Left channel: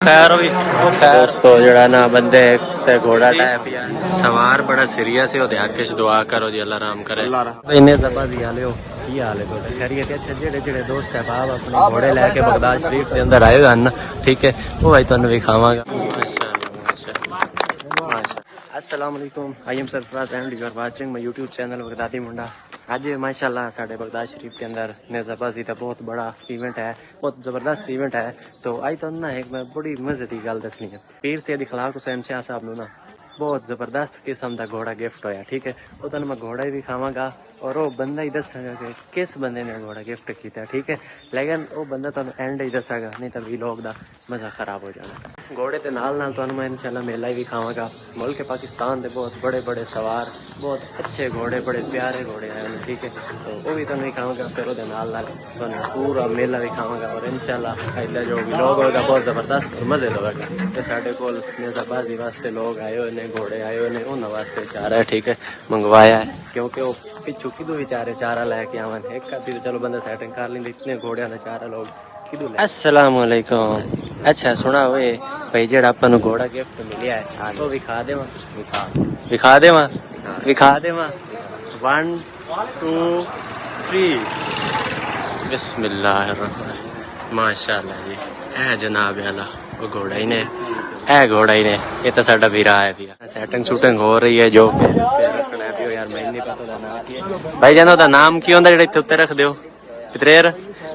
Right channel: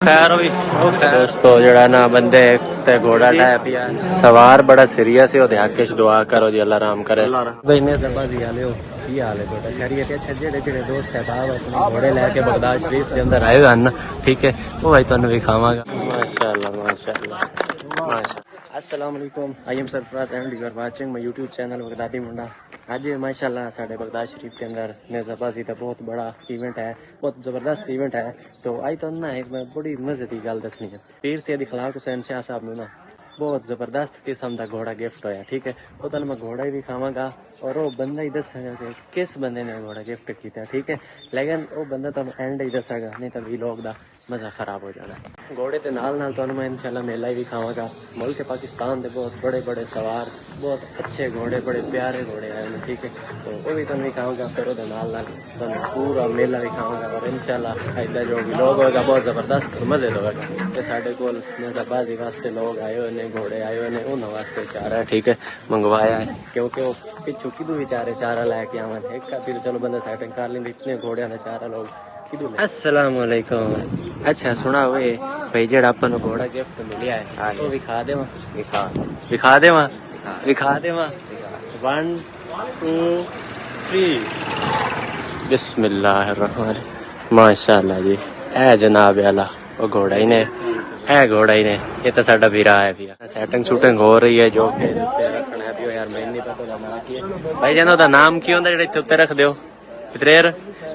खैर भी वो खैर सवार बड़ा सीरियस है आके दुआ करो जी अल्लाह राम करे। इन्ने जबरदस्त हाल हो की हाल है थोड़ा खैरियत? अच्छा जेड़े जेड़े दोस्त है बाप अपने घोड़े लैके बगदाद शरीफ के अंदर आए हैं ठीक है वो भाई तुहानू विखावांगा। माशाअल्लाह माशाअल्लाह माशाअल्लाह। अस्सलाम वालेकुम, I am Sarfaraz and you are watching my YouTube channel Baghdadi Munda. आज माशाल्लाह साढ़े बगदाद शरीफ के अंदर नेज़ाबाजी का बहुत बड़ा इवेंट है, बहुत ज़बरदस्त इवेंट है। तो आई तो ना एक मैं बड़ी मजे की गल दसनी है। पीर सैयद इखलाक हुसैन शाह साहब नू ना बहुत ज़बरदस्त किस्म का घोड़ा गिफ्ट होया ठीक है। वो तुहानू मैं घोड़ा ही विखावांगा और वो बंदा ही दसागा कि किस बंदे ने घोड़ा गिफ्ट किया ठीक है। लेकिन वो बंदा तुहानू एंड ही दसागा, नहीं तो वीलॉग का मज़ा खराब हो जाना। घोड़े के नाल नाल तुहानू मैं इंशाल्लाह मेला ही विखावांगा। मुल्क पाकिस्तान के बहुत बड़े बड़े सवार बहुत अच्छे घोड़े बड़े प्यारे घोड़े आए हैं ठीक है। तो वो भी तुहानू विखावांगा, फिर वो नाल नाल तुहानू पूरा मेला विखावांगा और इंशाल्लाह अगला जो व्लॉग होगा बहुत ज़बरदस्त और मज़े का होगा। ते साडे कोल नेज़ाबाजी वास्ते लोग आए हुए ने, घोड़े आए हुए ने, उन्होंने वास्ते चारा है ठीक है मंगवाया है, क्योंकि वो पिछू किदू बेचारे चारा लैके आवन एक का चलो बंदा सेटिंग कर लेंगे, इतने घोड़े का चारा लोग किदू ले। अस्सलाम वालेकुम। अच्छा सुना वे भाई जेड़ा अपन घोड़ा गिफ्ट मिलिया है वो विखा देवा विखा देवा विखा देवा 1 2 3 बिस्मिल्लाहिर्रहमान। माशाअल्लाह जी है जनाब आला वो घोड़ा ही ने है घोड़ा ही ने। ये तो साडा वीरा है भी सेटिंग शूटिंग हो रही है जो के रखना है भी यार मैं नहीं पता नाम की है भाई जानो दा नाम की होंदा जेड़े उत्ते रख दियो पितरेर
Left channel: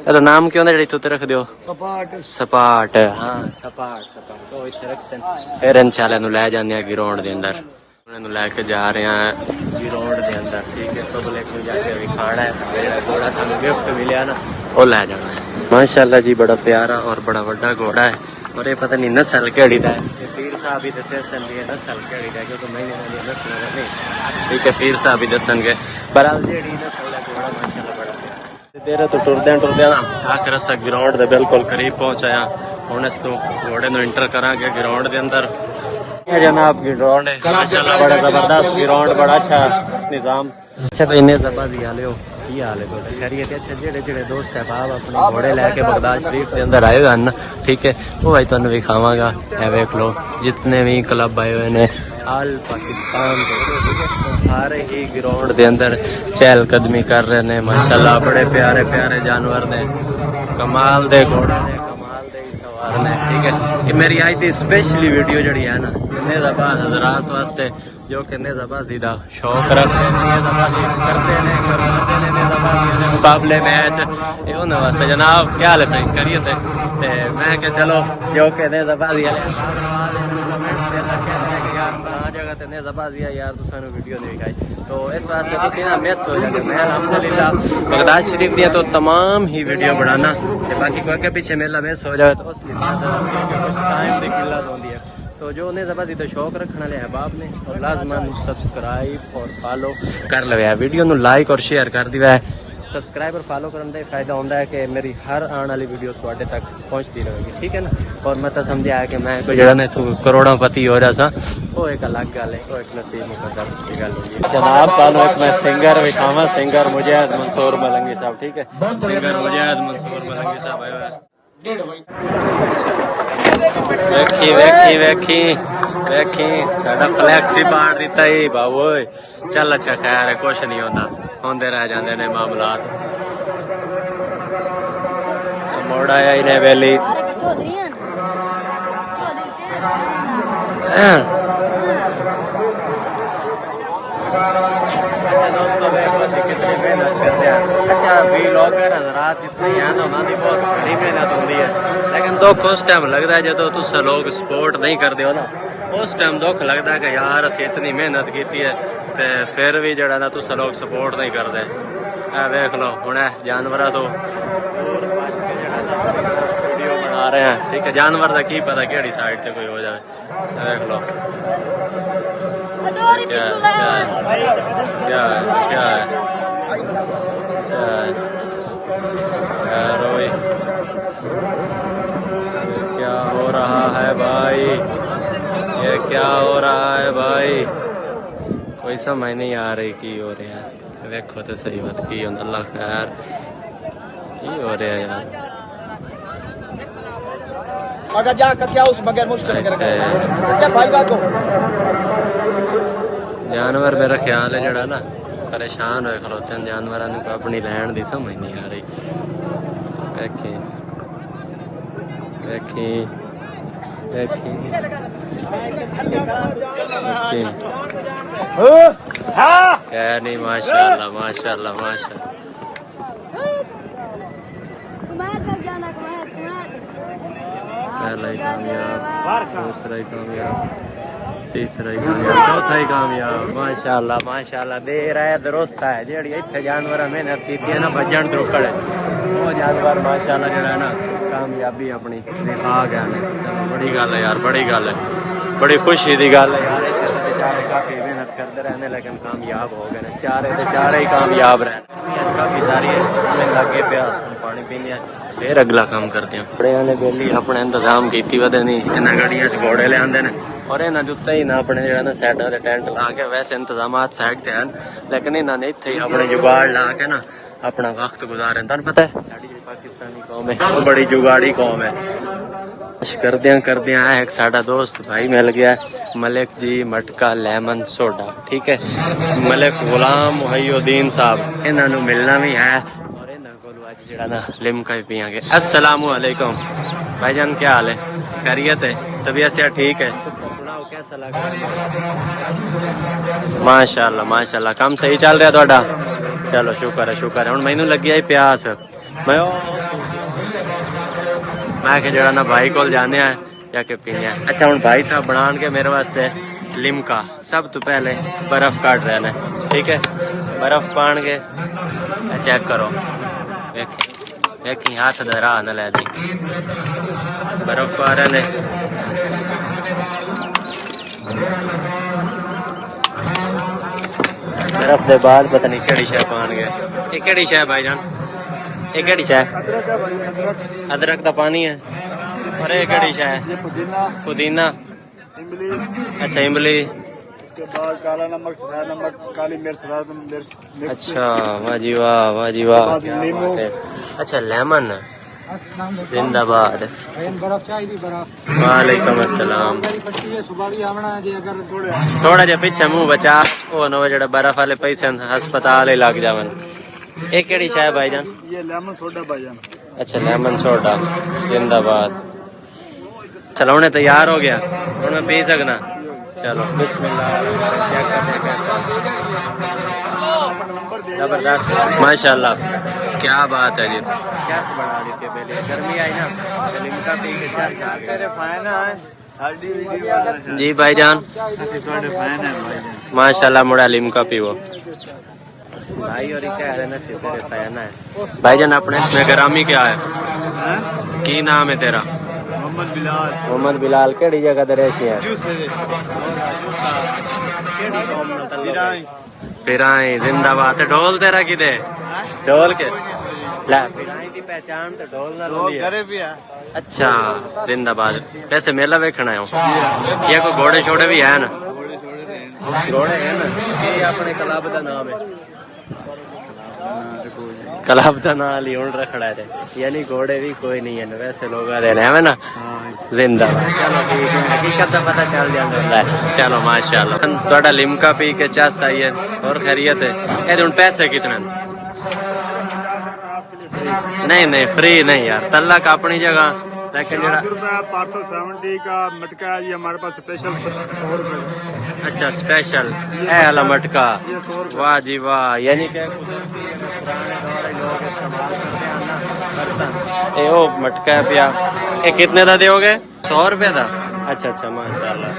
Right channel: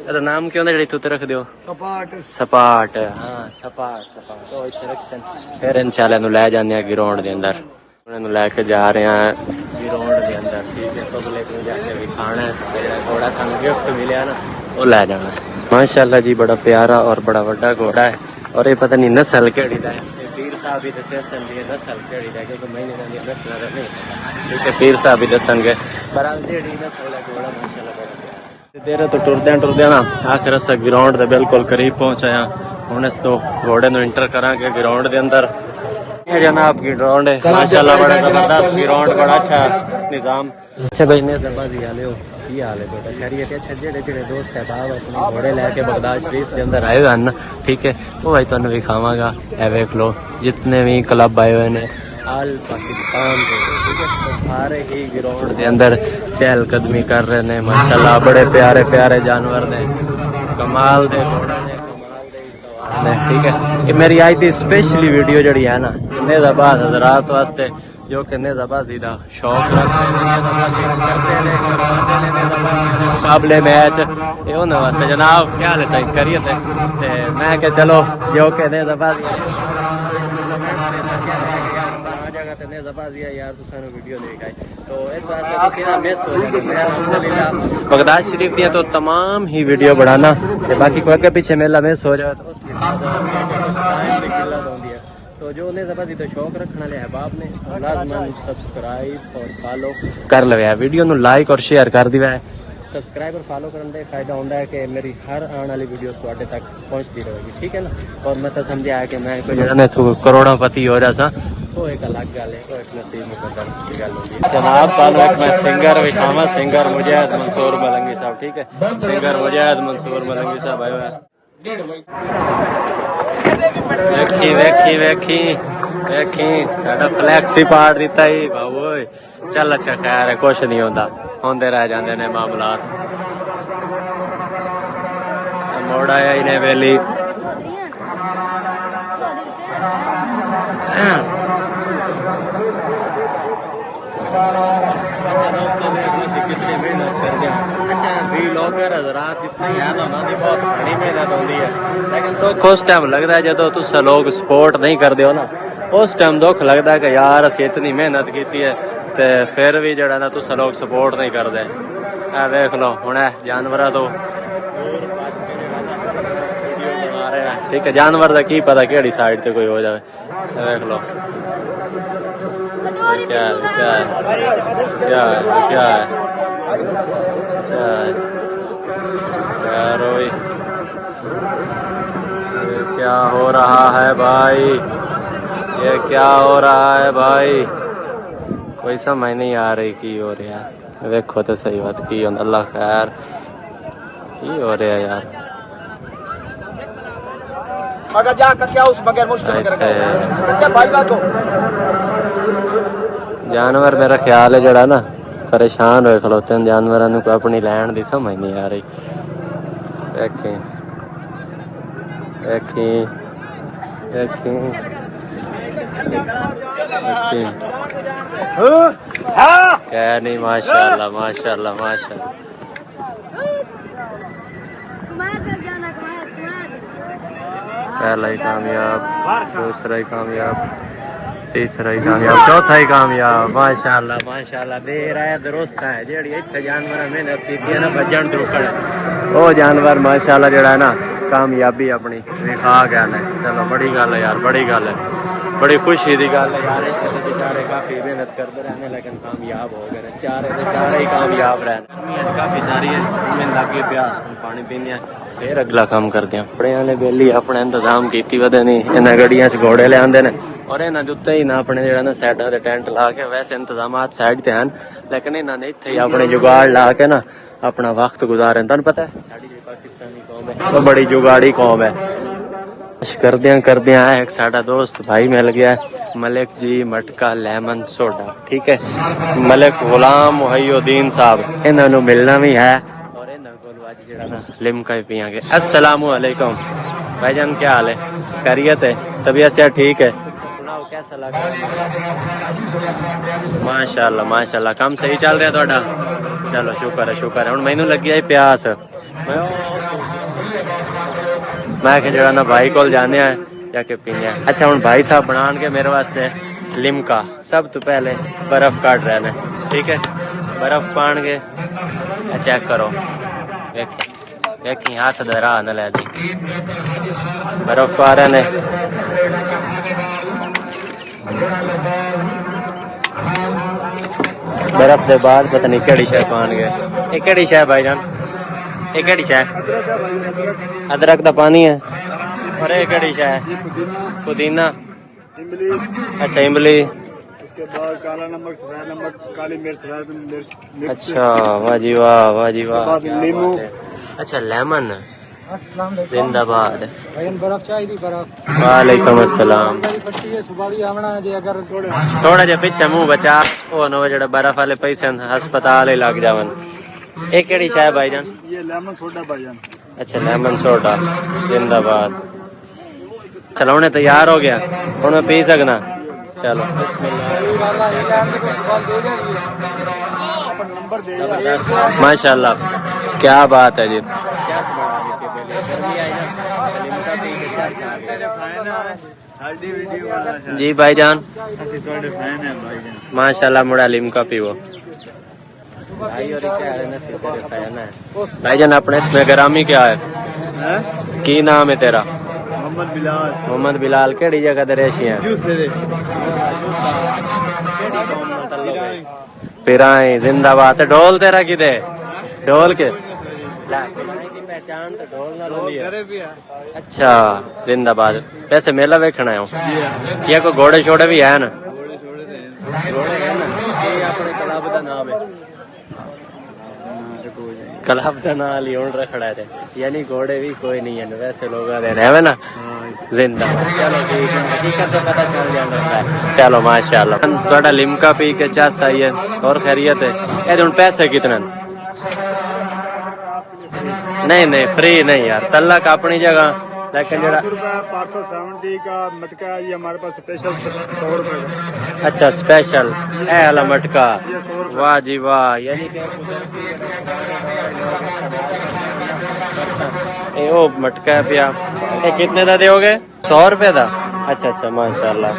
ਇਹਦਾ ਨਾਮ ਕੀ ਹੁੰਦਾ ਜਿਹੜੀ ਉੱਤੇ ਰੱਖ ਦਿਓ? ਸਪਾਟ ਸਪਾਟ ਹਾਂ ਸਪਾਟ ਸਪਾਟ ਉਹ ਇੱਥੇ ਰੱਖਣ ਫਿਰ ਇਨਸ਼ਾਅੱਲਾ ਨੂੰ ਲੈ ਜਾਂਦੇ ਆ ਗਰਾਊਂਡ ਦੇ ਅੰਦਰ। ਉਹਨਾਂ ਨੂੰ ਲੈ ਕੇ ਜਾ ਰਹੇ ਆ ਗਰਾਊਂਡ ਦੇ ਅੰਦਰ ਠੀਕ ਹੈ। ਪਬਲਿਕ ਨੂੰ ਜਾ ਕੇ ਵਿਖਾਣਾ ਹੈ ਸਾਡਾ ਜਿਹੜਾ ਘੋੜਾ ਸਾਨੂੰ ਗਿਫਟ ਮਿਲਿਆ ਨਾ ਉਹ ਲੈ ਜਾਣਾ है। माशाअल्लाह जी बड़ा प्यारा और बड़ा बड़ा घोड़ा है और ये पता नहीं नस्ल केड़ी दा है। पीर साहब ही दसन दी नस्ल केड़ी दा क्योंकि मैंने इन्हां दी नस्ल दा नहीं पता ठीक है। पीर साहब ही दसणगे पर जेड़ी नस्ल दा घोड़ा माशाअल्लाह बड़ा प्यारा है। मेरे तो टुरदे ना आखिर अस ग्राउंड के बिल्कुल करीब पहुंचाया हुण इस तो घोड़े नु इंटर करांगे ग्राउंड के अंदर। जनाब की ग्राउंड है माशाअल्लाह बड़ा जबरदस्त ग्राउंड बड़ा अच्छा निजाम। अच्छा भाई ने जबरदस्त हाल हो की हाल है थोड़ा खैरियत? अच्छा जेड़े जेड़े दोस्त है बाप अपने घोड़े लैके बगदाद शरीफ के अंदर आए हुए ठीक है वो भाई तुहानू विखावांगा। ए वेख लो जितने भी क्लब आए हुए ने आल पाकिस्तान के ठीक है तो सारे ही ग्राउंड के अंदर चहलकदमी कर रहे ने माशाल्लाह। बड़े प्यारे प्यारे जानवर ने कमाल दे घोड़े ने कमाल दे सवार ने ठीक है। ये मेरी आज की स्पेशली वीडियो जड़ी है ना नेज़ाबाद हजरात वास्ते जो कि नेज़ाबाजी का शौक रखते हैं नेज़ाबाजी करते हैं करवाते हैं नेज़ाबाजी के मुकाबले मैच ये उन्होंने वास्ते। जनाब क्या हाल है सही खैरियत है? ते मैं क्या चलो जो कि नेज़ाबाजी यार फलां जगह ते नेज़ाबाजी है यार तुसानू वीडियो नहीं दिखाई तो इस वास्ते तुसी ना मिस हो जाते। मैं अल्हम्दुलिल्लाह बगदाद शरीफ दियां तो तमाम ही वीडियो बनाना बाकी कोई के पीछे मेला मिस हो जाए तो उस कुछ टाइम की किल्लत होती है। तो जो नेज़ाबाजी तो शौक रखने वाले अहबाब ने लाजमन सब्सक्राइब और फॉलो कर लिया वीडियो नु लाइक और शेयर कर दिया है। सब्सक्राइब और फॉलो करने का फायदा होता है कि मेरी हर आने वाली वीडियो तुहाडे तक पहुंचती रहेगी ठीक है ना। और मैं तो समझा है कि मैं कोई जगह ने करोड़पति हो रहा सा वो एक अलग गल है, वो एक नसीब मुकद्दर की गल होती है। सिंगर विखावा सिंगर मुजाहिद मंसूर मलंगी साहब ठीक है। सिंगर मुजाहिद मंसूर मलंगी साहब आए हुए वेखी वेखी वेखी वेखी साडा फ्लैक्स ही पाड़ दिता ही बाबू। चल अच्छा खैर है कुछ नहीं होता होंदे रह जाते ने मामलात। मोड़ आया इन्हें वेली अच्छा दोस्तों देखो असं कितनी मेहनत कर दिया। अच्छा व्लॉगर हजरात जितने ही हैं ना उन्होंने बहुत घनी मेहनत होती है लेकिन दुख उस टाइम लगता है जो तुस लोग सपोर्ट नहीं करते हो ना उस टाइम दुख लगता है कि यार अस इतनी मेहनत की है तो फिर भी जरा ना तुस लोग सपोर्ट नहीं करते। देख लो हुण जानवर तो दूर बच के जरा ना वीडियो बना रहे हैं ठीक है। जानवर का की पता कि साइड से कोई हो जाए। देख लो क्या है क्या है क्या है क्या है क्या है यार क्या हो रहा है भाई? ये क्या हो रहा है भाई? कोई समझ नहीं आ रही की हो रहा है। देखो तो सही बात की अल्लाह खैर की हो रहा है यार। अगर जाकर क्या उस बगैर मुश्किल ਇੱਥੇ क्या भाईगा तो ਜਾਨਵਰ ਮੇਰਾ ਖਿਆਲ ਹੈ ਜਿਹੜਾ ਨਾ ਪਰੇਸ਼ਾਨ ਹੋਏ ਖਲੋਤੇ ਨੇ ਜਾਨਵਰਾਂ ਨੂੰ ਆਪਣੀ ਲੈਣ ਦੀ ਸਮਝ ਨਹੀਂ ਆ ਰਹੀ ਵੇਖੀ ਵੇਖੀ ਵੇਖੀ क्या नहीं माशाल्लाह माशाल्लाह माशाल्लाह पहला ही कामयाब दूसरा ही कामयाब तीसरा ही कामयाब चौथा ही कामयाब माशाल्लाह माशाल्लाह देर है दुरुस्त है जेड़ी इत्थे जानवर मेहनत की है ना भजन तो खड़े वो जानवर माशाल्लाह जेड़ा है ना कामयाबी अपनी दिखा गया ने चलो बड़ी गल है यार बड़ी गल है बड़ी खुशी की गल है यार इत्थे तो बेचारे काफी मेहनत करते रहने लेकिन कामयाब हो गए ने चारे दे चारे ही कामयाब रहे गर्मी आज काफी सारी है मैं लगे प्यास पानी पीने फिर अगला काम करते हैं बिजली अपने इंतजाम की वधे नहीं इन्हें गड्डियां से घोड़े ले आते हैं और इन्होंने उत्ते ही ना अपने जो साइड से टेंट ला के वैसे इंतजाम साइड से हैं लेकिन इन्होंने इत्थे ही अपने जुगाड़ ला के ना अपना वक्त गुजारे तुहानू पता है साडी जी पाकिस्तानी कौम है बड़ी जुगाड़ी कौम है कर दिया एक साडा दोस्त भाई मिल गया मलिक जी मटका लेमन सोडा ठीक है मलिक गुलाम मुहैयुद्दीन साहब इन्होंने मिलना भी है और इन्होंने को आज जड़ा ना लिमका भी पियांगे अस्सलामु अलैकुम भाईजान क्या हाल है खैरियत है तबीयत से ठीक है कैसा लग रहा है माशाल्लाह माशाल्लाह काम सही चल रहा थोड़ा चलो शुक्र है हुण मैनू लगी आई प्यास मैं जरा ना भाई को जाने जाके पीने अच्छा हम भाई साहब बना के मेरे वास्ते लिमका सब तो पहले बर्फ काट रहे ने ठीक है बर्फ पान के चेक करो देखी हाथ दरा न ले दी बर्फ पा रहे ने बर्फ केड़ी शह पान गए ये केड़ी शह भाईजान ये केड़ी शह अदरक का पानी है और ये केड़ी शह पुदीना अच्छा इमली उसके बाद काला नमक सफेद नमक काली मिर्च अच्छा वाह जी वाह क्या बात है अच्छा लेमन जिंदाबाद बर्फ चाहिए बर्फ वालेकुम अस्सलाम थोड़ा जा पीछे मुंह बचा ओ नो जेड़ा बर्फ वाले पैसे अस्पताल ही लग जावन ये केड़ी चाय भाईजान ये लेमन सोडा भाईजान अच्छा लेमन सोडा जिंदाबाद चलो उन्हें तैयार हो गया हुण मैं पी सकना चलो जबरदस्त माशाल्लाह क्या बात है जी क्या बना दी थी पहले गर्मी आई ना तो लिमका पी के चस आ गए जी भाईजान माशाल्लाह मुड़ा लिमका पीवो भाई और क्या है ना तेरे फैन है भाईजान अपने इसमें ग्रामी क्या है की नाम है तेरा मोहम्मद बिलाल केड़ी जगह ते रहशी है केड़ी कौम नाल तल्लुक है पिराई जिंदाबाद ढोल तेरा किदे ढोल के पिराई की पहचान तो ढोल नाल होंदी है अच्छा जिंदाबाद वैसे मेला वेखना है ये कोई घोड़े छोड़े भी है ना घोड़े है ना ये अपने क्लब का नाम है क्लब का नाम लियोन रखड़ा है यानी घोड़े भी कोई नहीं है वैसे लोग है ना जिंदाबाद चलो ठीक है हकीकत तो पता चल जाता है चलो माशाल्लाह थोड़ा लिमका पी के चस आई है और खैरियत है ये हुण पैसे कितने नहीं फ्री नहीं यार तल्ला का अपनी जगह लेकिन जरा 570 का मटका ये हमारे पास स्पेशल 100 रुपए का अच्छा स्पेशल ए वाला मटका वाह जी वाह यानी कि कुदरती पुराने दौर लोग इस्तेमाल करते हैं ना बर्तन ए ओ मटका पिया ये कितने का दोगे 100 रुपए का अच्छा माशाल्लाह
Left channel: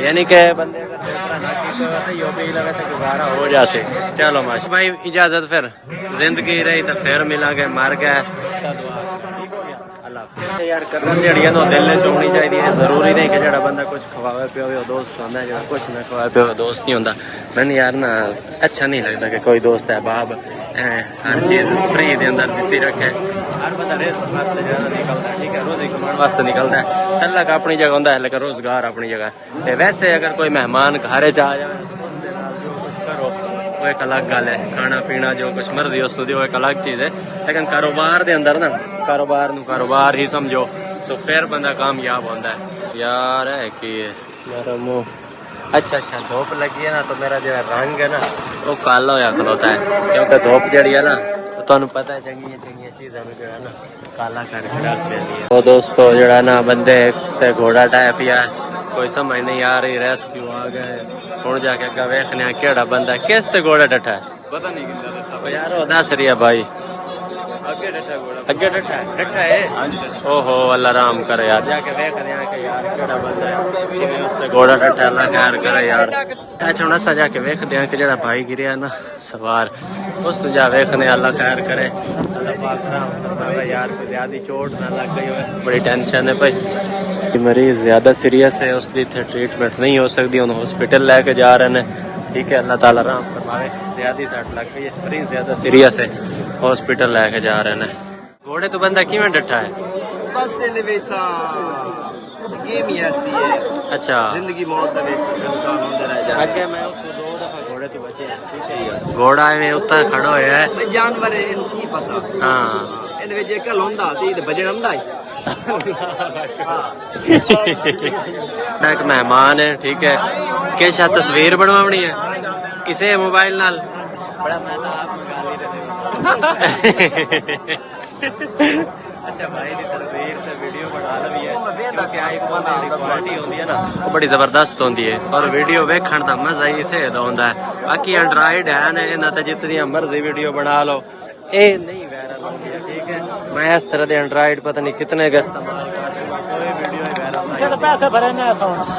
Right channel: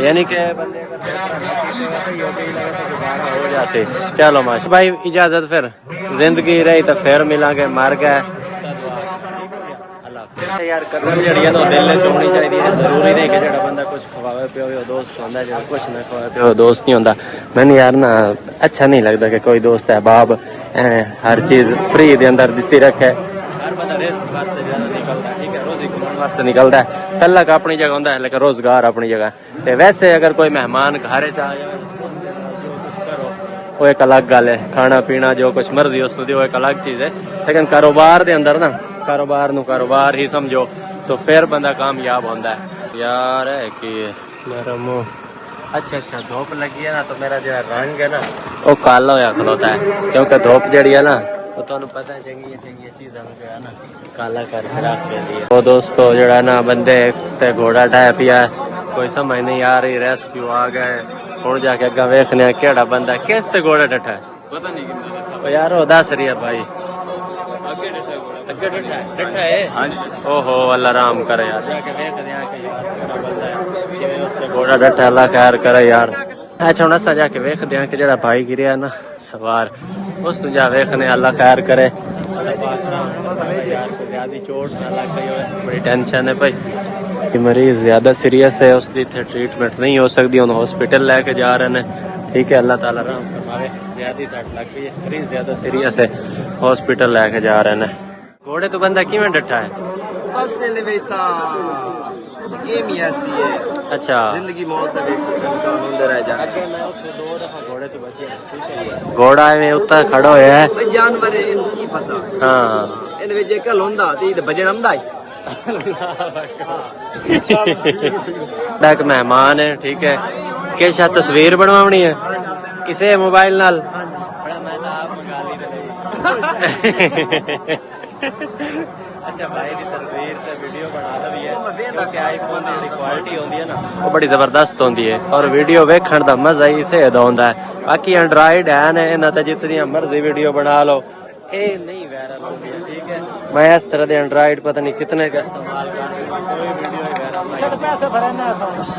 यानी कि बंदे अगर दूसरा ना कीते हुआ तो यो भी लगे तो गुजारा हो जाते चलो माशा भाई इजाजत फिर जिंदगी रही तो फिर मिलांगे मर गए ठीक हो गया यार कदर जड़ी है ना दिल च होनी चाहिए जरूरी नहीं कि जड़ा बंदा कुछ खवावे पियो दोस्त होंदा जड़ा कुछ ना खवावे पियो दोस्त नहीं होंदा मैंने यार ना अच्छा नहीं लगता कि कोई दोस्त है बाप हर चीज फ्री दे अंदर दिती रखे हर बंदा रिस्क वास्ते ज्यादा निकलता है ठीक है रोजी कमाने वास्ते निकलता है तलक अपनी जगह होंदा है लेकिन रोजगार अपनी जगह ते वैसे अगर कोई मेहमान घर च आ जाए उसके नाल जो कुछ करो वो एक अलग गल है खाना पीना जो कुछ मर्जी उस वो एक अलग चीज है लेकिन कारोबार के अंदर ना कारोबार ही समझो तो फिर बंदा कामयाब होता है यार। है कि अच्छा अच्छा धूप लगी है ना तो मेरा जो रंग है ना वो काला होया खलोता है, क्योंकि धूप जड़ी है ना तो तुहानू पता है चंगी चंगी चीज़ों में जो है ना काला करके रख देती है। वो दोस्तों जो ना बंदे ते घोड़ा ढाया पिया है, कोई समझ नहीं आ रही, रेस्क्यू आ गए हूँ जाके अगर वेखने केड़ा बंदा किस ते घोड़ा डठा है पता नहीं कितना यार वो दस रही है भाई अगे डठा है ओहो अल्लाह राम करे यार, जाके वेख के यार केड़ा बंदा है किवें उससे घोड़ा डठा, अल्लाह खैर करे यार। अच्छा हुण असां जाके वेखदे हां कि जेड़ा भाई गिरिया ना सवार उस जा वेखने, अल्लाह खैर करे, अल्लाह पाक राम फरमावे यार, कोई ज्यादा चोट ना लग गई होवे, बड़ी टेंशन है भाई। मरीज ज्यादा सीरियस है, उसकी इत्थे ट्रीटमेंट नहीं हो सकती, उन्हें हॉस्पिटल लेके जा रहे हैं। ठीक है अल्लाह ताला राम फरमावे, ज्यादा सट लग गई है, मरीज ज्यादा सीरियस है, हॉस्पिटल लेके जा रहे हैं। घोड़े तो बंदा किवें डठा है बस गेम ही ऐसी है, अच्छा जिंदगी मौत का इम्कान होंदे रह जाए। अगे मैं उसको 2 दफा घोड़े तो बचे हैं, ठीक है घोड़ा एवें उत्ता खड़ा होया है भाई जानवर है इन्हू की पता। हाँ ਇਹਦੇ ਵਿੱਚ ਇੱਕ ਹੁੰਦਾ ਤੇ ਬਜਣ ਆਉਂਦਾ ਹੀ एक मेहमान है, ठीक है किस तस्वीर बनवानी है किसे मोबाइल नाल बड़ा मैं तो आप मंगा ली अच्छा भाई दी तस्वीर ते वीडियो बना लवी है, क्योंकि आईफोन दी क्वालिटी होंदी है ना वो बड़ी जबरदस्त होंदी है और वीडियो वेखण दा मजा ही इसे दा होंदा है। बाकी एंड्रॉइड है ना इन्हां ते जितनी मर्जी वीडियो बना लो ये नहीं वायरल होगी है, ठीक है मैं इस तरह के एंड्रॉइड पता नहीं कितने का इस्तेमाल कर दूंगा, कोई वीडियो ही वायरल नहीं होती। पैसे भरे ने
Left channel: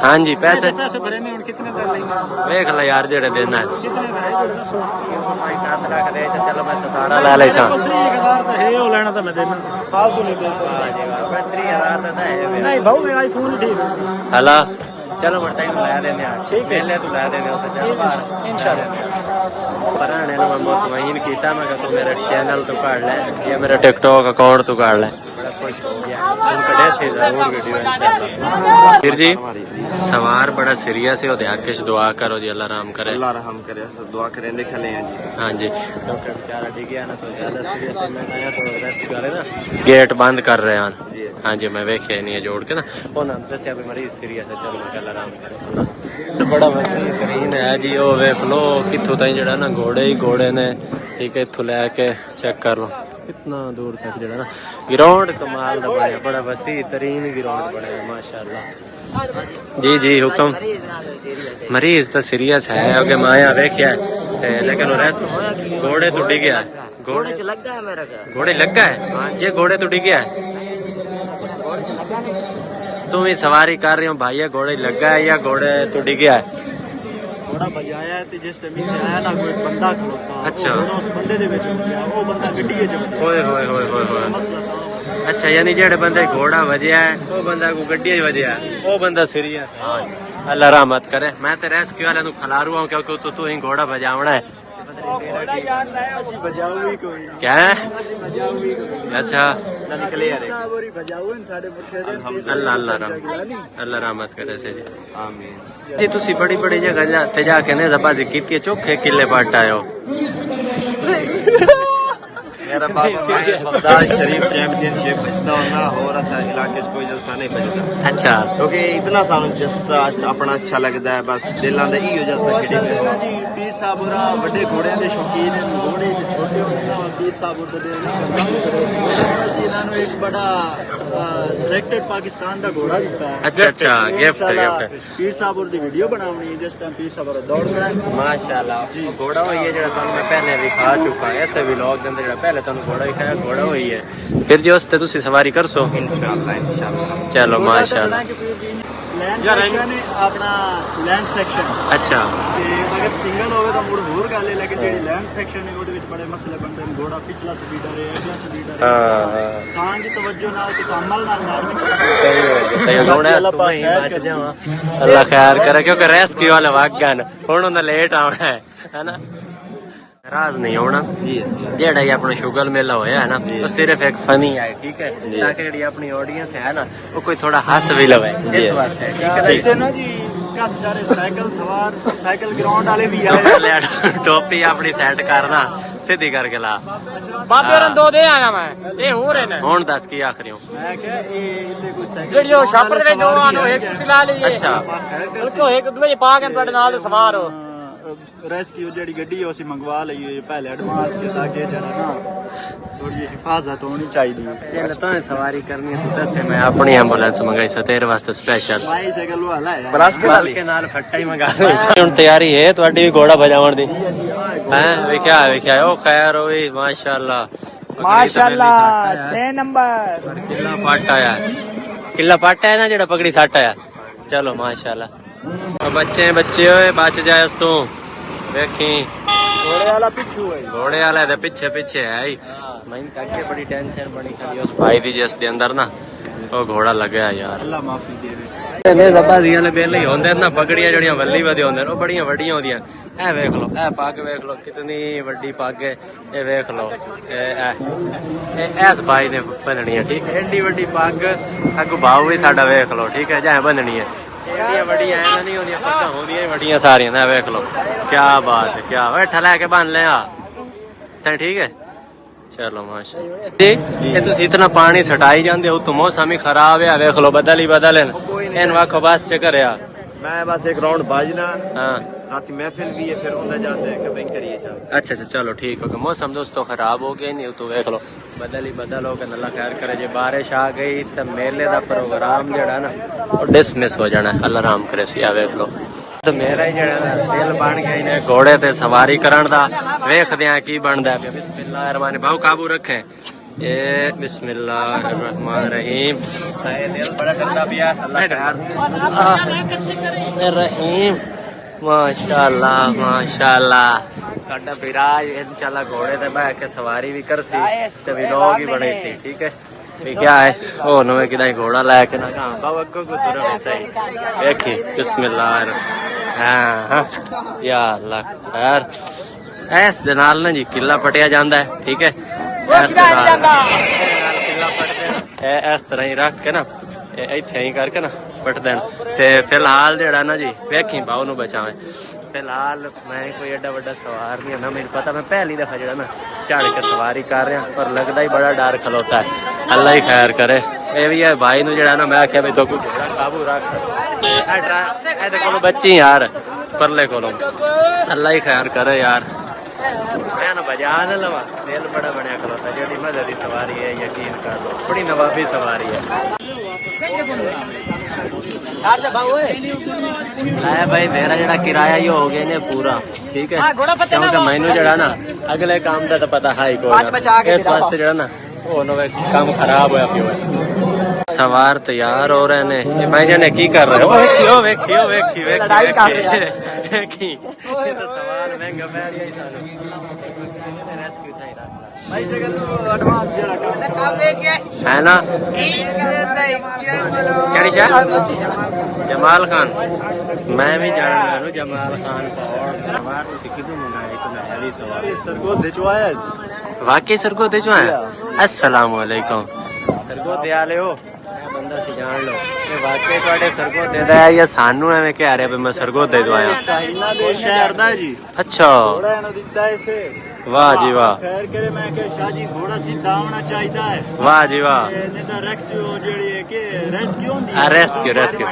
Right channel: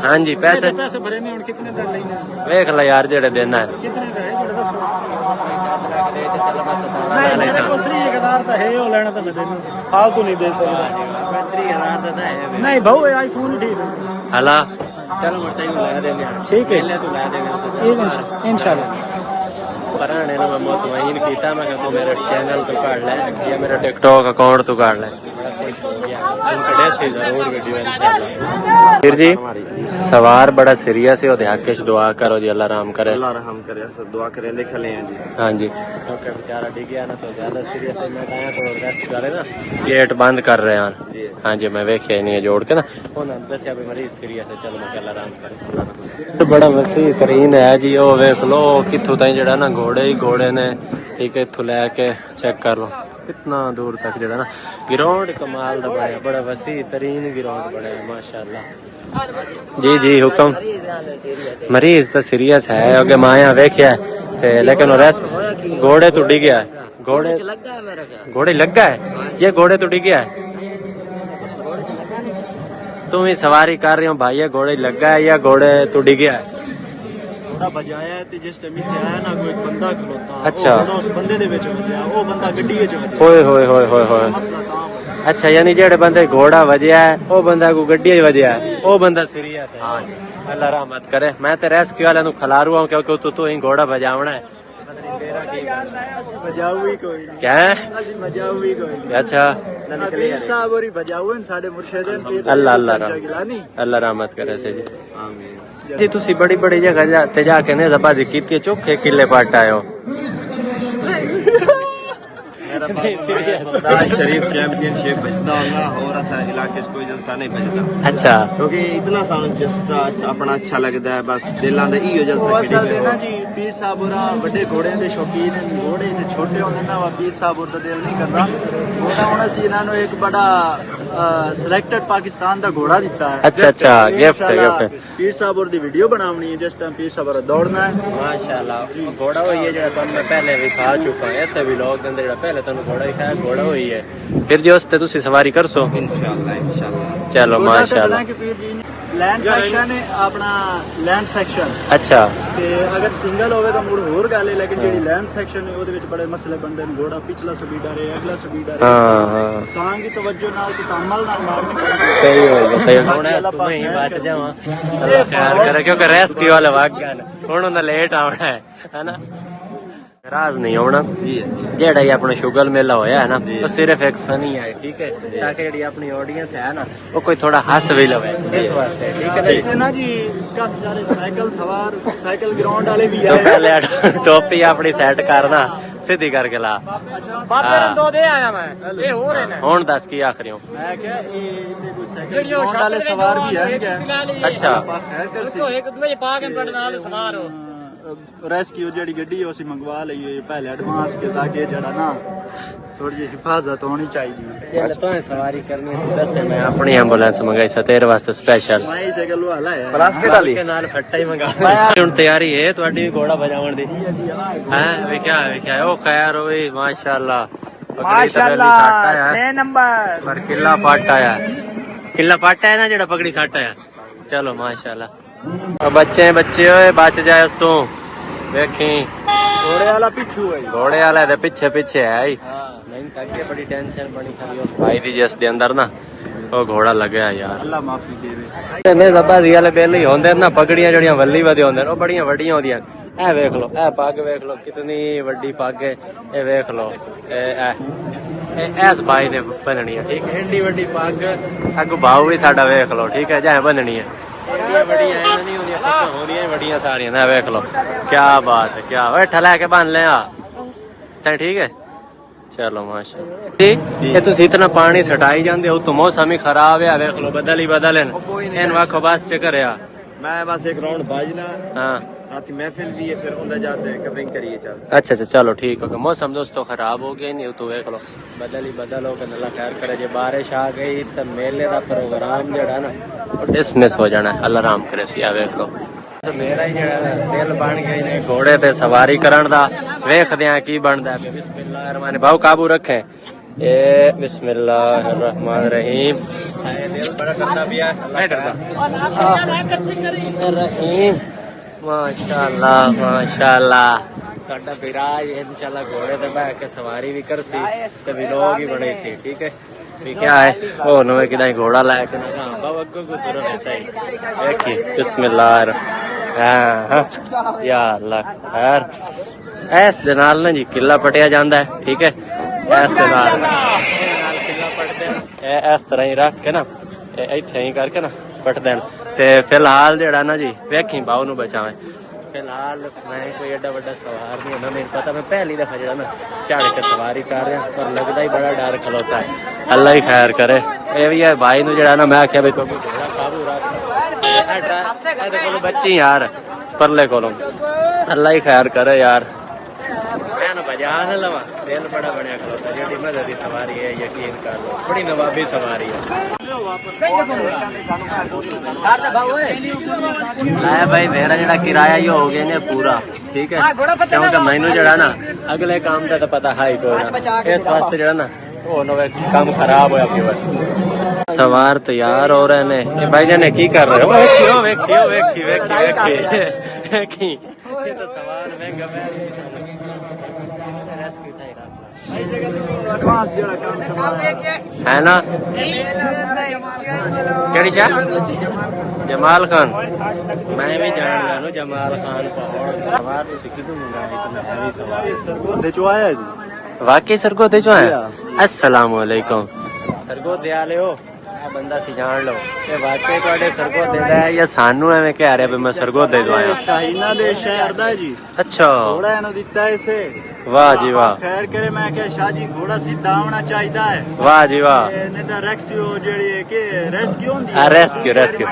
हाँ जी पैसे भरे ने कितने दा लेने वेख ला यार जेड़े देना है कितने दा है जो दसो 5-7 लाख दे चलो मैं 17 ला ले सा 3000 ता है ओ लेना ता मैं देना फालतू नहीं दे सकता। वाह जी वाह 30,000 दा है वे नहीं दो आईफोन ठीक है हला चलो मैं तैनू ला देने आ ठीक है पहले तू ला देने तो चल बाहर ला देने पराने ने मैं मुतमईन कीता मैं कि तू मेरे चैनल तो काट ले या मेरे टिकटॉक अकाउंट तो काट ले, बड़ा खुश हो गया तुम कड़े सी जरूर वीडियो इंशाल्लाह। फिर जी सवार बड़ा सीरियस है ओदे हक च दुआ करो जी अल्लाह राम करे, अल्लाह रहम करे, सब दुआ करें देख ले हैं जी। हाँ जी क्योंकि बेचारा डिग गया ना तो ज्यादा सीरियस है, मैं आया तो रेस्क्यू वाले ना गेट बंद कर रहे हैं। हाँ जी मैं वेख्या नहीं है जोड़ के ना उन्होंने दसिया भी मरीज सीरियस है, चलो मैं अल्लाह राम करे। तो बड़ा बेहतरीन है जी वो वेख लो कित्थों ताईं जेड़ा ना घोड़े ही घोड़े ने, ठीक है इत्थों लैके चेक कर लो कितना दूर तक जेड़ा ना ग्राउंड कमाल दा बनया, बड़ा वसी तरीन ग्राउंड बनया माशाल्लाह। जी जी हुक्म मरीज तो सीरियस है अगे माया देखिया लेकिन घोड़े तो डिग गया है, घोड़े लग गया है मेरा ख्याल, घोड़े लग गया है ये घोड़े तो डिग गया है। तुम ही सवारी कर रहे हो भाई ये घोड़े लगा है या घोड़े तो डिग गया है? घोड़ा बजाया है ते जिस टाइम इत्थे आया ना कोई बंदा खलोता अच्छा उस बंदे दे विच वजया वो बंदा गड्डी विच वजया ओए होए होए होए होए मसला तां बणिया। अच्छा यानी जेड़े बंदे घोड़ा वजया है वो बंदा को गड्डी वजया है वो बंदा सीरियस है। अल्लाह रहमत करे, मैं ते रेस्क्यू वाले नु खलारू हूं क्योंकि तू ही घोड़ा बजावना है तेरा ठीक ਅਸੀਂ ਬਜਾਊ ਹੀ ਕੋਈ ਨਹੀਂ क्या ਅਸੀਂ ਬਜਾਊ ਹੀ ਕੋਈ ਨਹੀਂ। अच्छा ਅਕੀਲ ਸਾਹਿਬ ਹੋਰੀ ਬਜਾਊ ਸਾਡੇ ਮੁਰਸ਼ਿਦ अल्लाह अल्लाह रहम अल्लाह रहमत करे से जी। आमीन जी तुसी बड़ी बड़ी जगह ते जाके ने जबाजी कीती चोखे किले पट आयो मेरा बाबा मैं बगदाद शरीफ चैंपियनशिप बजदा होना और ऐसा इलाके च कोई जलसा नहीं बजदा। अच्छा क्योंकि इतना सानू जलसा अपना अच्छा लगता है, बस दिलों दे इयो जलसा खेड़ी में हो। ਪੀਰ ਸਾਹਿਬ ਹੋਰਾਂ ਵੱਡੇ ਘੋੜਿਆਂ ਦੇ ਸ਼ੌਕੀਨ ਹਨ, ਘੋੜੇ ਤੇ ਛੋਟੇ ਹੁੰਦੇ ਨੇ ਉਹ ਪੀਰ ਸਾਹਿਬ ਉਹ ਦਿਲ ਨਹੀਂ ਕਰਦਾ। ਮੇਰਾ ਹੁਣ ਅਸੀਂ ਇਹਨਾਂ ਨੂੰ ਇੱਕ ਬੜਾ ਸਿਲੈਕਟਡ ਪਾਕਿਸਤਾਨ ਦਾ ਘੋੜਾ ਦਿੱਤਾ ਹੈ। अच्छा अच्छा गिफ्ट गिफ्ट ਪੀਰ ਸਾਹਿਬ ਹੋਰ ਦੀ ਵੀਡੀਓ ਬਣਾਉਣੀ ਹੈ ਜਿਸ ਟਾਈਮ ਪੀਰ ਸਾਹਿਬ ਹੋਰਾਂ ਦੌੜਨਾ ਹੈ। माशाल्लाह घोड़ा हुई है जेड़ा तुहानू मैं पहले भी खा चुका है ऐसे भी लोग दे जेड़ा पहले तुहानू घोड़ा ही खाया घोड़ा हुई है फिर जो उसते तुसी सवारी कर सो इंशाल्लाह इंशाल्लाह। चलो माशाल्लाह। ਲੈਂਡ ਸੈਕਸ਼ਨ ਹੈ ਆਪਣਾ ਲੈਂਡ ਸੈਕਸ਼ਨ अच्छा ਤੇ ਅਗਰ ਸਿੰਗਲ ਹੋਵੇ ਤਾਂ ਮੁੜ ਹੋਰ ਗੱਲ ਹੈ, ਲੇਕਿਨ ਜਿਹੜੀ ਲੈਂਡ ਸੈਕਸ਼ਨ ਹੈ ਉਹਦੇ ਵਿੱਚ ਬੜੇ ਮਸਲੇ ਬਣਦੇ ਨੇ। ਘੋੜਾ ਪਿਛਲਾ ਸਪੀਡਰ ਹੈ ਅਗਲਾ ਸਪੀਡਰ ਹੈ, हाँ ਸਾਂਝ ਦੀ ਤਵੱਜੋ ਨਾਲ ਤੇ ਕਮਲ ਨਾਲ ਮਾਰਨੀ ਪੈਂਦੀ ਹੈ। सही बात है, घोड़ा तुम ही बच जावा अल्लाह खैर करे क्योंकि रेस्क्यू वाले भाग गए हुण उन्हें लेट आना है ना। नाराज नहीं होना जी जेड़ा ये अपना शुगर मेला होया है ना तो सिर्फ एक फनी है ठीक है ताकि जेडी अपनी ऑडियंस है ना वो कोई थोड़ा हंस भी लगे इस वास्ते ठीक है ना जी? ना जी काफी सारे साइकिल सवार साइकिल ग्राउंड वाले भी तो आए पहले टोपी अपनी सेट करना सीधी करके ला हुन दस की आखिरी हूं मैं क्या ये कोई साइकिल ग्राउंड वाले सवार भी है क्या अच्छा खैर कर सी रेस्क्यू जेडी गड्डी है उसी मंगवा लईए पहले एडवांस के ताकि जड़ा ना थोड़ी जी हिफाजत होनी चाहिए जेल तो सवारी करनी है तो दस मैं अपनी एम्बुलेंस मंगाई सा तेरे वास्ते स्पेशल माई साइकिल वाला है बल्कि नाल फट्टा ही मंगा ली हुन तैयारी है ਤੁਹਾਡੀ ਵੀ ਘੋੜਾ ਭਜਾਉਣ ਦੀ हैं विख्या ओ खैर होई माशाल्लाह पगड़ी तो पहली सट आया 6 नंबर पर किला पट आया है ना जेड़ा पगड़ी सट आया चलो माशाल्लाह बच्चे ओए बच जाए उस तू देखी घोड़े वाला दे पीछे है ही मैंने अगे बड़ी टेंशन बनी खाली उस भाई दी जिस दे अंदर ना वो घोड़ा लगे यार अल्लाह माफी देवे ने जबा रियल बेल ही होंदे ना पगड़ियां जड़ियां वल्ली वदे होंदे ओ बड़ियां वड्डियां होंदियां ए देख लो ए पग देख लो कितनी वड्डी पग है ए देख लो ए ऐस भाई ने बननी है ठीक है एडी वड्डी पग अगू भाव भी साडा देख लो ठीक है जाए बननी है एडियां वड्डियां ऐ नहीं होंदियां पक्का होंदियां वड्डियां सारियां ना देख लो क्या बात है क्या ओए ठला के बन ले आ तै ठीक है चलो माशाल्लाह ये तुम इतना पानी सटाई जाते हो तो मौसम ही खराब है देख लो बदल इन वाखो बस चक्कर है मैं बस एक राउंड बाजना हाँ रात महफिल भी है फिर उधर जाते हैं कवरिंग करिए चल अच्छा चलो ठीक हो गया मौसम दोस्तों खराब हो गया नहीं तो देख लो बदल हो गया अल्लाह खैर करे जे बारिश आ गई तो मेले का प्रोग्राम जड़ा ना डिसमिस हो जाना अल्लाह राम करे सिया देख लो तो मेरा ही जड़ा ना दिल बन गया इन्हें घोड़े ते सवारी करन दा वेखदे आ की बनदा है बिस्मिल्लाहिर्रहमानिर्रहीम भाव काबू रखे ए बिस्मिल्लाहिर्रहमानिर्रहीम हाय दिल बड़ा डरदा पिया अल्लाह खैर बिस्मिल्लाहिर्रहमानिर्रहीम माशाल्लाह साडा विराज इंशाल्लाह घोड़े ते बैठ के सवारी भी करसी ते व्लॉग ही बने सी ठीक है क्या है ओ नवे किदा घोड़ा लेके ना हां बाबू अग्गो को तुर वैसा ही देखी बिस्मिल्लाह हां या अल्लाह खैर ऐस दे नाल ना जी किला पटिया जांदा है ठीक है ऐस दे नाल किला पटदे ऐस तरह ही रख के ना इत्थे ही करके ना पट देन ते फिलहाल जेड़ा ना जी वेखी बाऊ नु बचावे फिलहाल मैं कोई एडा बड़ा सवार नहीं ना मैंने पता मैं पहली दफा जड़ा ना चढ़ के सवारी कर रहा पर लगता ही बड़ा डर खलोता है अल्लाह ही खैर करे ये भी है भाई नु जड़ा ना मैं आख्या तो घोड़ा काबू रख ए कोलो बच्ची यार परले कोलो अल्लाह ही खैर करे यार मैं ना बजा न लवा दिल बड़ा बनया खलोता जेडी मजे दी सवारी है यकीन कर लो बड़ी नवाबी सवारी है भाई मेरा जरा किराया ही हो गया ने पूरा ठीक है क्योंकि मैनू जरा ना अगले काम का तो पता है कोई इस वास्ते जरा ना वो नवे काम खराब होया पियो सवार तैयार हो रहे ने ये भाई जाने की कर रहे हो वेखियो ये तो सवाल महंगा पै गया सानू रेस्क्यू था ही रख भाई साइकिल तो एडवांस जड़ा काम करवा है ना केड़ी शाह जमाल खान मैं भी जानदा नु जमाल खान पहाड़ सवार तो किदू मंगाया इतना हैवी सवार सरगोदे चो आया जी वाकई सरगोदे चो आया अस्सलाम वालेकुम सरगोदे आले हो बंदा सी जान लो ये वाकई ਤੁਹਾਡੇ सरगोदे दा है या सानू एवें कह रहे भी मैं सरगोदे तो आया इना दे शहर दा जी अच्छा मैंने दिता इसे वाह जी वाह खैर करे मैं के शादी घोड़ा सीधा आना चाहिदा है वाह जी वाह ने दा रेस्क्यू जेडी है के रेस्क्यू होंदी रेस्क्यू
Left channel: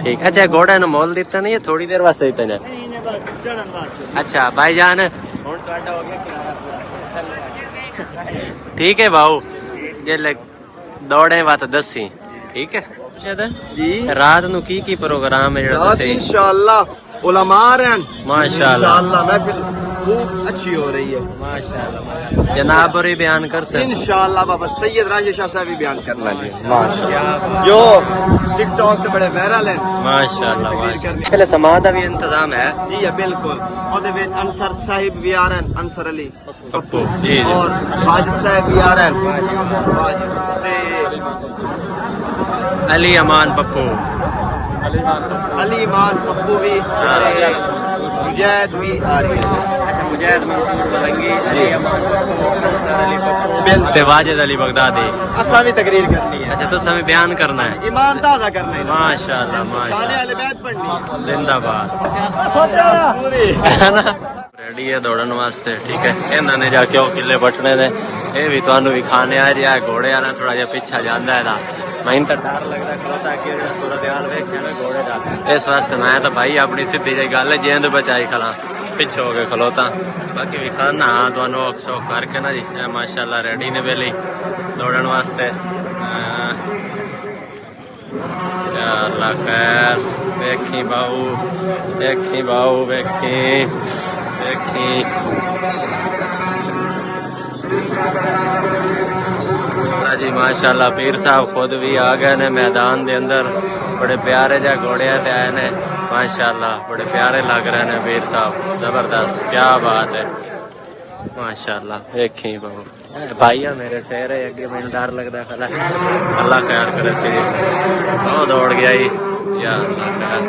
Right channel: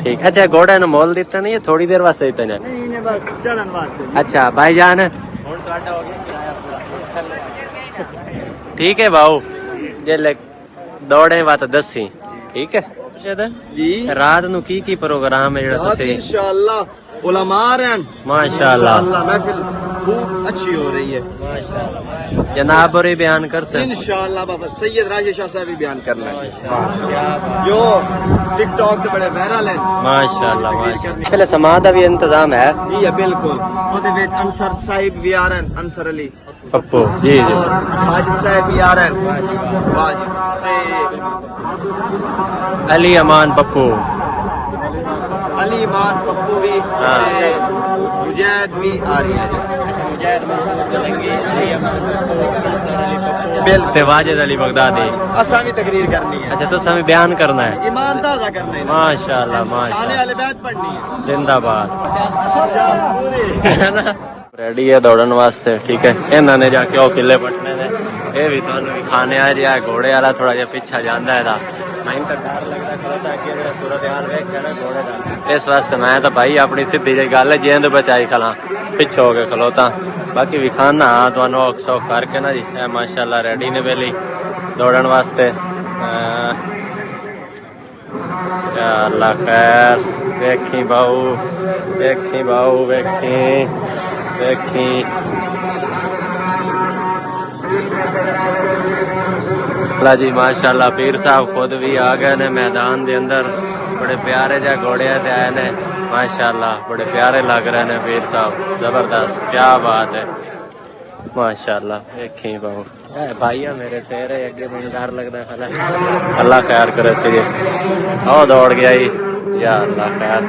ठीक अच्छा घोड़ा ने मोल दिता नहीं थोड़ी देर वास्ते दिता नहीं ने बस चढ़न वास्ते अच्छा भाईजान हुन ਤੁਹਾਡਾ हो गया किराया पूरा ठीक है बाऊ जे दौड़े बात दसी ठीक है जी रात नु की प्रोग्राम है जेड़ा तुसी इंशाअल्लाह उलमा रहन माशाल्लाह महफिल खूब अच्छी हो रही है माशाल्लाह जनाब और बयान कर सकते इंशाअल्लाह बाबा सैयद राशिद शाह साहब भी बयान कर लेंगे क्या बात जो टिकटॉक पे बड़े वायरल हैं माशाल्लाह माशाल्लाह समाज का भी इंतजाम है जी बिल्कुल ओदे विच अंसर साहिब भी आ रहे हैं अंसर अली पप्पू जी और वाजिद साहब भी आ रहे हैं वाजिद ते अली अमान पप्पू अली ईमान पप्पू भी ते मुजाहिद भी आ रही है। अच्छा मुजाहिद मंसूर मलंगी अली अमान पप्पू अंसर अली पप्पू ते वाजिद अली बगदादी। असा भी तकरीर करनी है। अच्छा तो हमें बयान करना है, ईमान ताजा करना है। माशाल्लाह शान माशाल्लाह, अहले बैत पढ़नी है। जिंदाबाद। पूरी है ना रेडी है दौड़न वास्ते। ठीक है इन्हों ने जाके वो किले पटने ने, ये भी तुहानू भी खाने आ रहा है। घोड़े वाला थोड़ा जिहा पिछा जांदा है, मैंने तो डर लगता खलोता कि अगर सूरत हाल वेख्या ना घोड़े का, इस वास्ते मैं तो भाई अपनी सीधी जी गल है जिंद बचाई खला पिछे हो गए खलोता। बाकी भी खाना हाँ तुहानू औख सौख करके ना जी माशाल्लाह रेडी ने बेली दौड़न वास्ते। या अल्लाह खैर, वेखी बाऊ वेखी बाऊ वेखी वेखी। जी माशाल्लाह पीर साहब खुद भी आ गए ने मैदान दे अंदर, बड़े प्यारे जा घोड़े से आए ने माशाल्लाह, बड़े प्यारे लग रहे ने पीर साहब, जबरदस्त क्या बात है माशाल्लाह। देखी बाबू भाईया मेरे शेर है अगे, मैंने डर लगता खला, अल्लाह खैर करे सी। ओ दौड़ गया ही या अल्लाह खैर,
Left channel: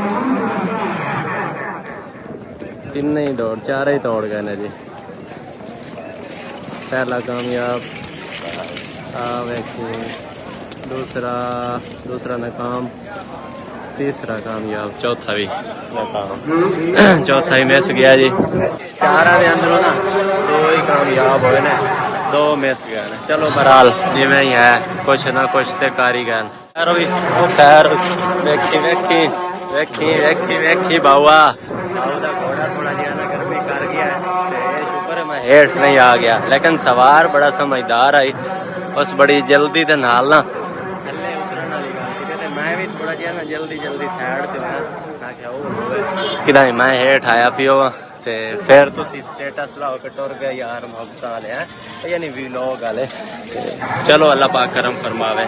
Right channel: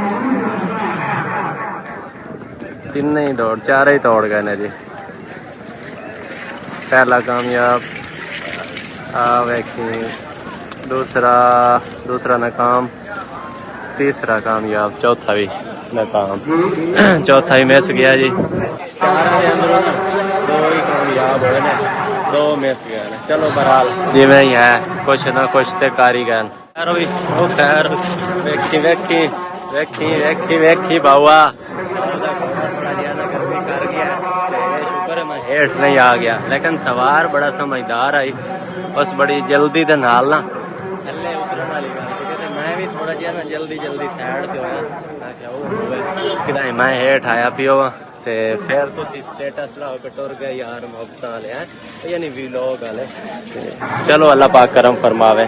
तीन ही दौड़ चार ही दौड़ गए ने जी। पहला कामयाब वेखी, दूसरा नाकाम, तीसरा कामयाब, चौथा भी नाकाम, चौथा ही मिस गया जी। चारा दे अंदरों ना दो ही कामयाब होए ने, दो मिस गए ने। चलो बहरहाल जिवें ही है, कुछ ना कुछ ते कर ही गए। खैर भी ओ खैर, वेखी वेखी वेखी वेखी वेखी बाऊआ बाऊ का घोड़ा थोड़ा जिहा ना गर्मी कर गया है, ते शुक्र है मैं हेठ नहीं आ गया, लेकिन सवार बड़ा समझदार आई, उस बड़ी जल्दी दे नाल ना थल्ले उतरन वाली गल की, ते मैं भी थोड़ा जिहा ना जल्दी जल्दी साइड ते होया, मैं क्या होवे कि मैं हेठ आया पियो ते फिर तुसी स्टेटस लाओ के टुर गए यार मोहब्बत वाले हैं, यानी व्लॉग वाले। चलो अल्लाह पाक करम फरमावे।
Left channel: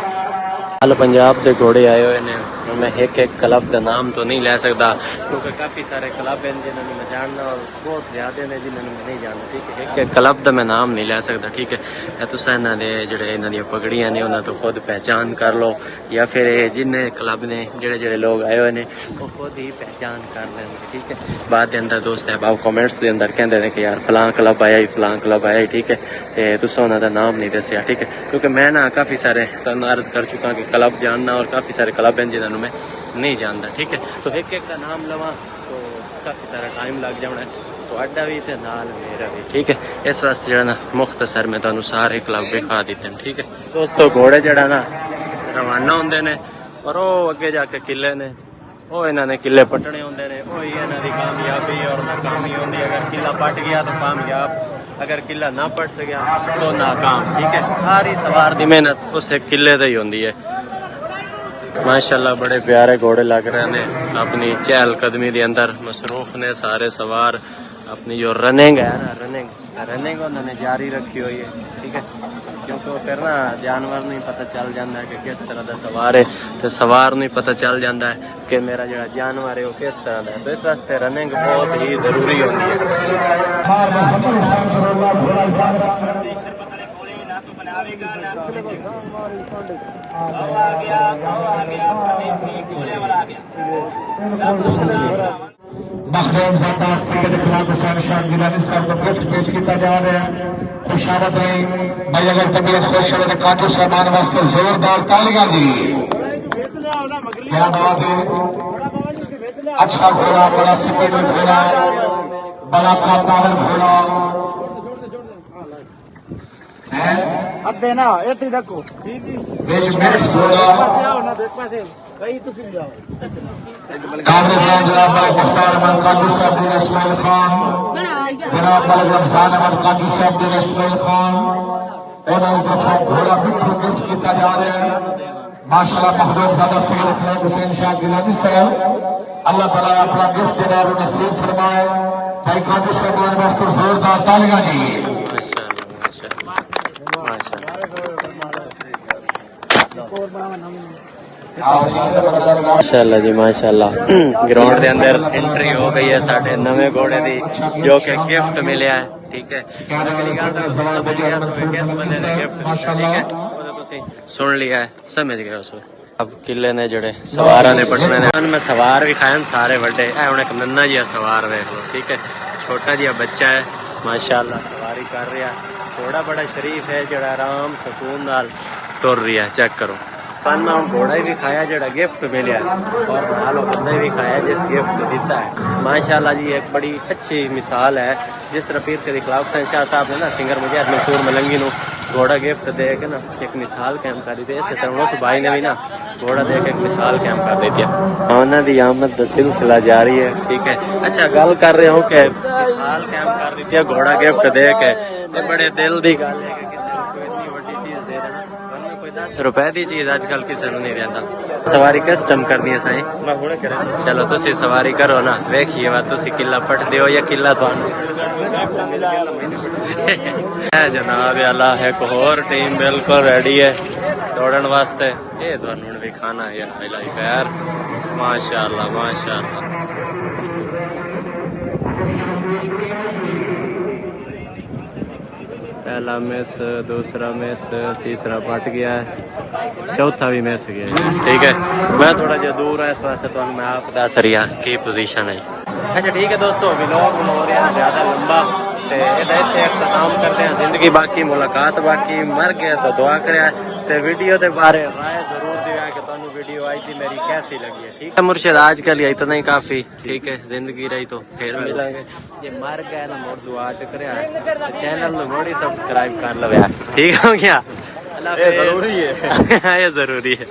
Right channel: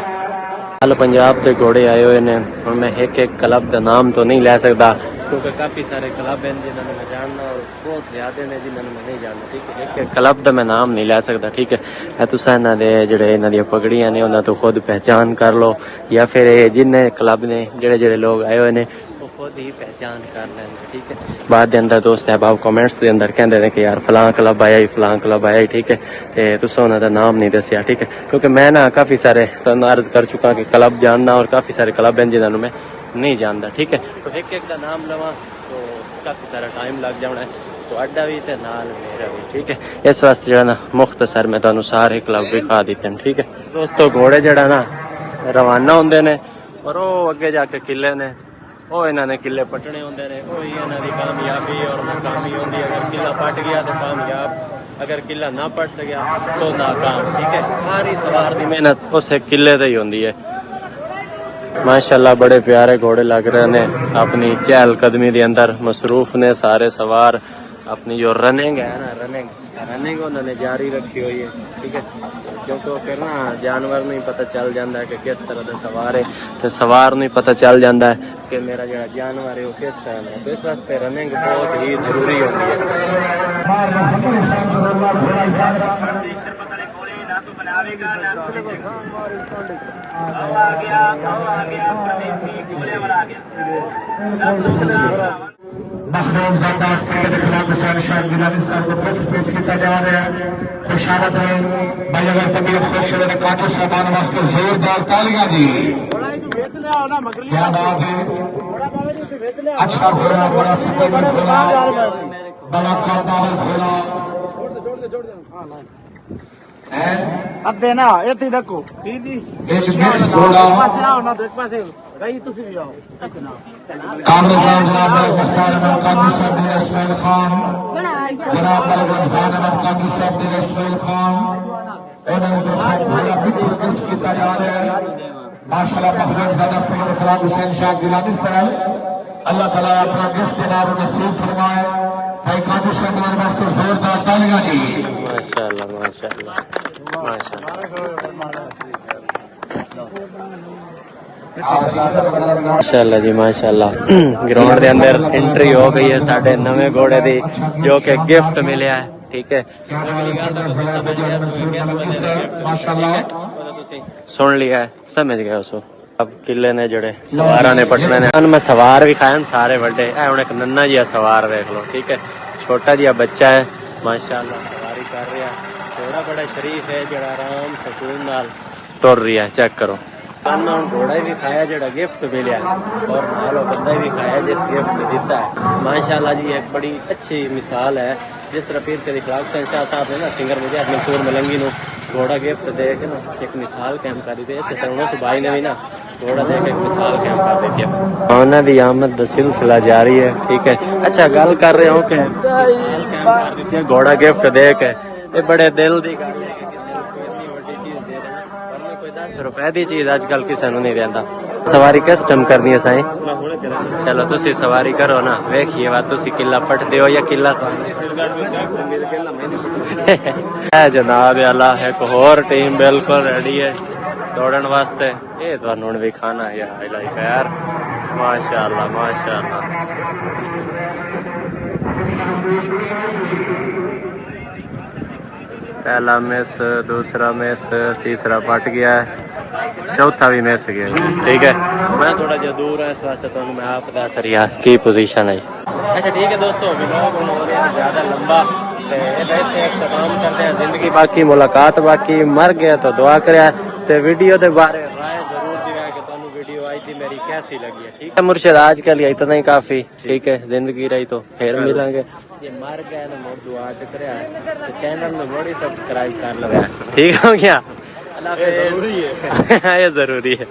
पंजाब के घोड़े आए हुए ने, मैं एक एक क्लब का नाम तो नहीं ले सकता क्योंकि काफ़ी सारे क्लब हैं जिन्होंने मैं जानना और बहुत ज़्यादा ने जिन्होंने मैं नहीं जानना। ठीक है एक एक क्लब का मैं नाम नहीं ले सकता। ठीक है तुस इन्हों के जोड़े इन्हों दी पगड़ियाँ ने उन्होंने तो खुद पहचान कर लो, या फिर जिन्ने क्लब ने जोड़े जोड़े लोग आए हुए ने वो खुद ही पहचान कर लेंगे। ठीक है बाद के अंदर दोस्त है भाव कमेंट्स के अंदर कहते हैं कि यार फलां क्लब आया फलां क्लब आया। ठीक है तुस उन्होंने नाम नहीं दसिया। ठीक है क्योंकि मैं ना काफ़ी सारे अर्ज कर चुका कि क्लब जानना और काफ़ी सारे क्लब हैं जिन्होंने मैं नहीं जानता। ठीक है तो एक एक का नाम लवा तो काफ़ी सारा टाइम लग जाना है, तो अड्डा भी ते नाल मेरा भी। ठीक है इस वास्ते जो ना मुख्तसर में तुहानू सारे क्लब विखा दिते हैं। ठीक है दोस्तों घोड़े जड़ा ना रवाना होंदे ने और वो अगे जाके किले ने वो इन्होंने किले पटने होंदे ने, वही इन्हों की कामयाबी और नाकामी होंदी। अगर किला पट गया तो कामयाब, अगर किला ना पट सकिया तो नाकाम। ठीक है सारी सवार की मेहनत उस किले से ही होंदी है। माशाल्लाह बड़े प्यारे घोड़े लग रहे ने, अपनी चहल कदमी के अंदर मसरूफ ने सारे सवार, अपनी जो रनिंग है ना रनिंग उन्होंने जारी रखी हुई है। ठीक है क्योंकि फिर ना जानवर नहीं पता चल जाता है कि किस तरह का सवार है, तो सवार नहीं पता चल जाता है कि मेरा जो जानवर है वो किस तरह का है, तो इस वास्ते रनिंग बहुत ही जरूरी होती है। मखदूम ज़रदा सैयद खिलाफ हुसैन शाह गिलानी साहब को गिफ्ट पेश किया जा रहा है। खुशामद रही भाई, अगर तबीयत खुश है तो काटो सामान वास्ते जोरदार तालियां जी। क्या बात है, अच्छा घोड़ा, बड़ा सफेद घोड़ा, बड़ा कामदार घोड़ा अब देना ये देखो घोड़ा काजी साहब इस्माइल खान, जनाब रमजान अहमद काजी साहब इस्माइल खान, घोड़ा बिल्कुल किया जा रहा है। माशाल्लाह महबूब ज़ादा सैयद खिलाफ हुसैन शाह गिलानी साहब, अल्लाह ताला अपना गिफ्ट नाम नसीब फरमाए। भाई काजी साहब वास्ते जोरदार तालियां जी। माशाल्लाह माशाल्लाह माशाल्लाह जी माशाल्लाह। ग्राउंड के अंदर एंट्री हो गई है साढ़े घोड़े की, जो कि गिफ्ट मिले है। ठीक है समझ गया किस बंदे ने गिफ्ट दिया। ठीक है सुन लिया है, समझ गया उसको। अब किले ने जड़े सवारा ने पटने ने मैं सवार भी खाए सारे बड़े है हूँ एक नन्ना जिहा सवार देख लो ठीक है छोटा जिहा बच्चा है माशाअल्लाह सवारी कर रहा घोड़ा बड़ा शरीफ है जड़ा आराम सुकून नाल तुर रही है चेक करो मैं हूँ घोड़ा भी खाया जड़ा गिफ्ट मिले और नाल बंदा भी खाया जिस गिफ्ट दिता है माशाअल्लाह जी एक बड़ी अच्छी मिसाल है जिस तरह पीर से खिलाफ शाह साहब ने ना सिंगर मुजाहिद मंसूर मलंगी नु घोड़ा गिफ्ट दे के ना एक मिसाल कायम कर दी इस तरह उस भाई ने भी ना घोड़ा दे के एक मिसाल कायम कर दी थी उन्होंने दी आमद दा सिलसिला जारी है ठीक है अच्छा गल कर रहे हो कि मिसाल कायम कर दी थी घोड़ा गिफ्ट दे के ये बड़े दिल दी गल है कि किसी को इतनी बड़ी चीज दे देना वरना कोई 10 रुपए दी चीज आजकल किसी को नहीं देता सवारी कस्टम करनी है साईं चलो तुसी सवारी करो ना वेखिए वा तुसी किला पट दियो या किला है जनाब अल्लाह एक होर टीम बिल्कुल रेडी है दौड़न वास्ते ये तुहानू हुण दिखाना है हाईलाइट यार माशाअल्लाह माशाअल्लाह पहला मिस दूसरा मिस तीसरा पट गया है चौथा भी मिस गया है ठीक है मैं थोड़ा जा दूर है इस वास्ते तुहानू मैं आप दस रहा की पोजीशन है अच्छा ठीक है दोस्तों व्लॉग हुण हो रहा ज्यादा लंबा इख्तिताम करते हैं जिंदगी बाकी मुलाकात बाकी मर गया तो दुआ करें वीडियो के बारे राय जरूर दिया कि तुहानू वीडियो आई थी मेरी कैसी लगी है ठीक है मुर्शिद आज के लिए इतना ही काफी ठीक है जिंदगी रही तो फिर मिलेंगे ये मर गया ना मोड़ दुआ चक्र तो चैनल में मोड़ी सब्सक्राइब कर लो ठीक हो गया अल्लाह हाफिज़ ये जरूरी है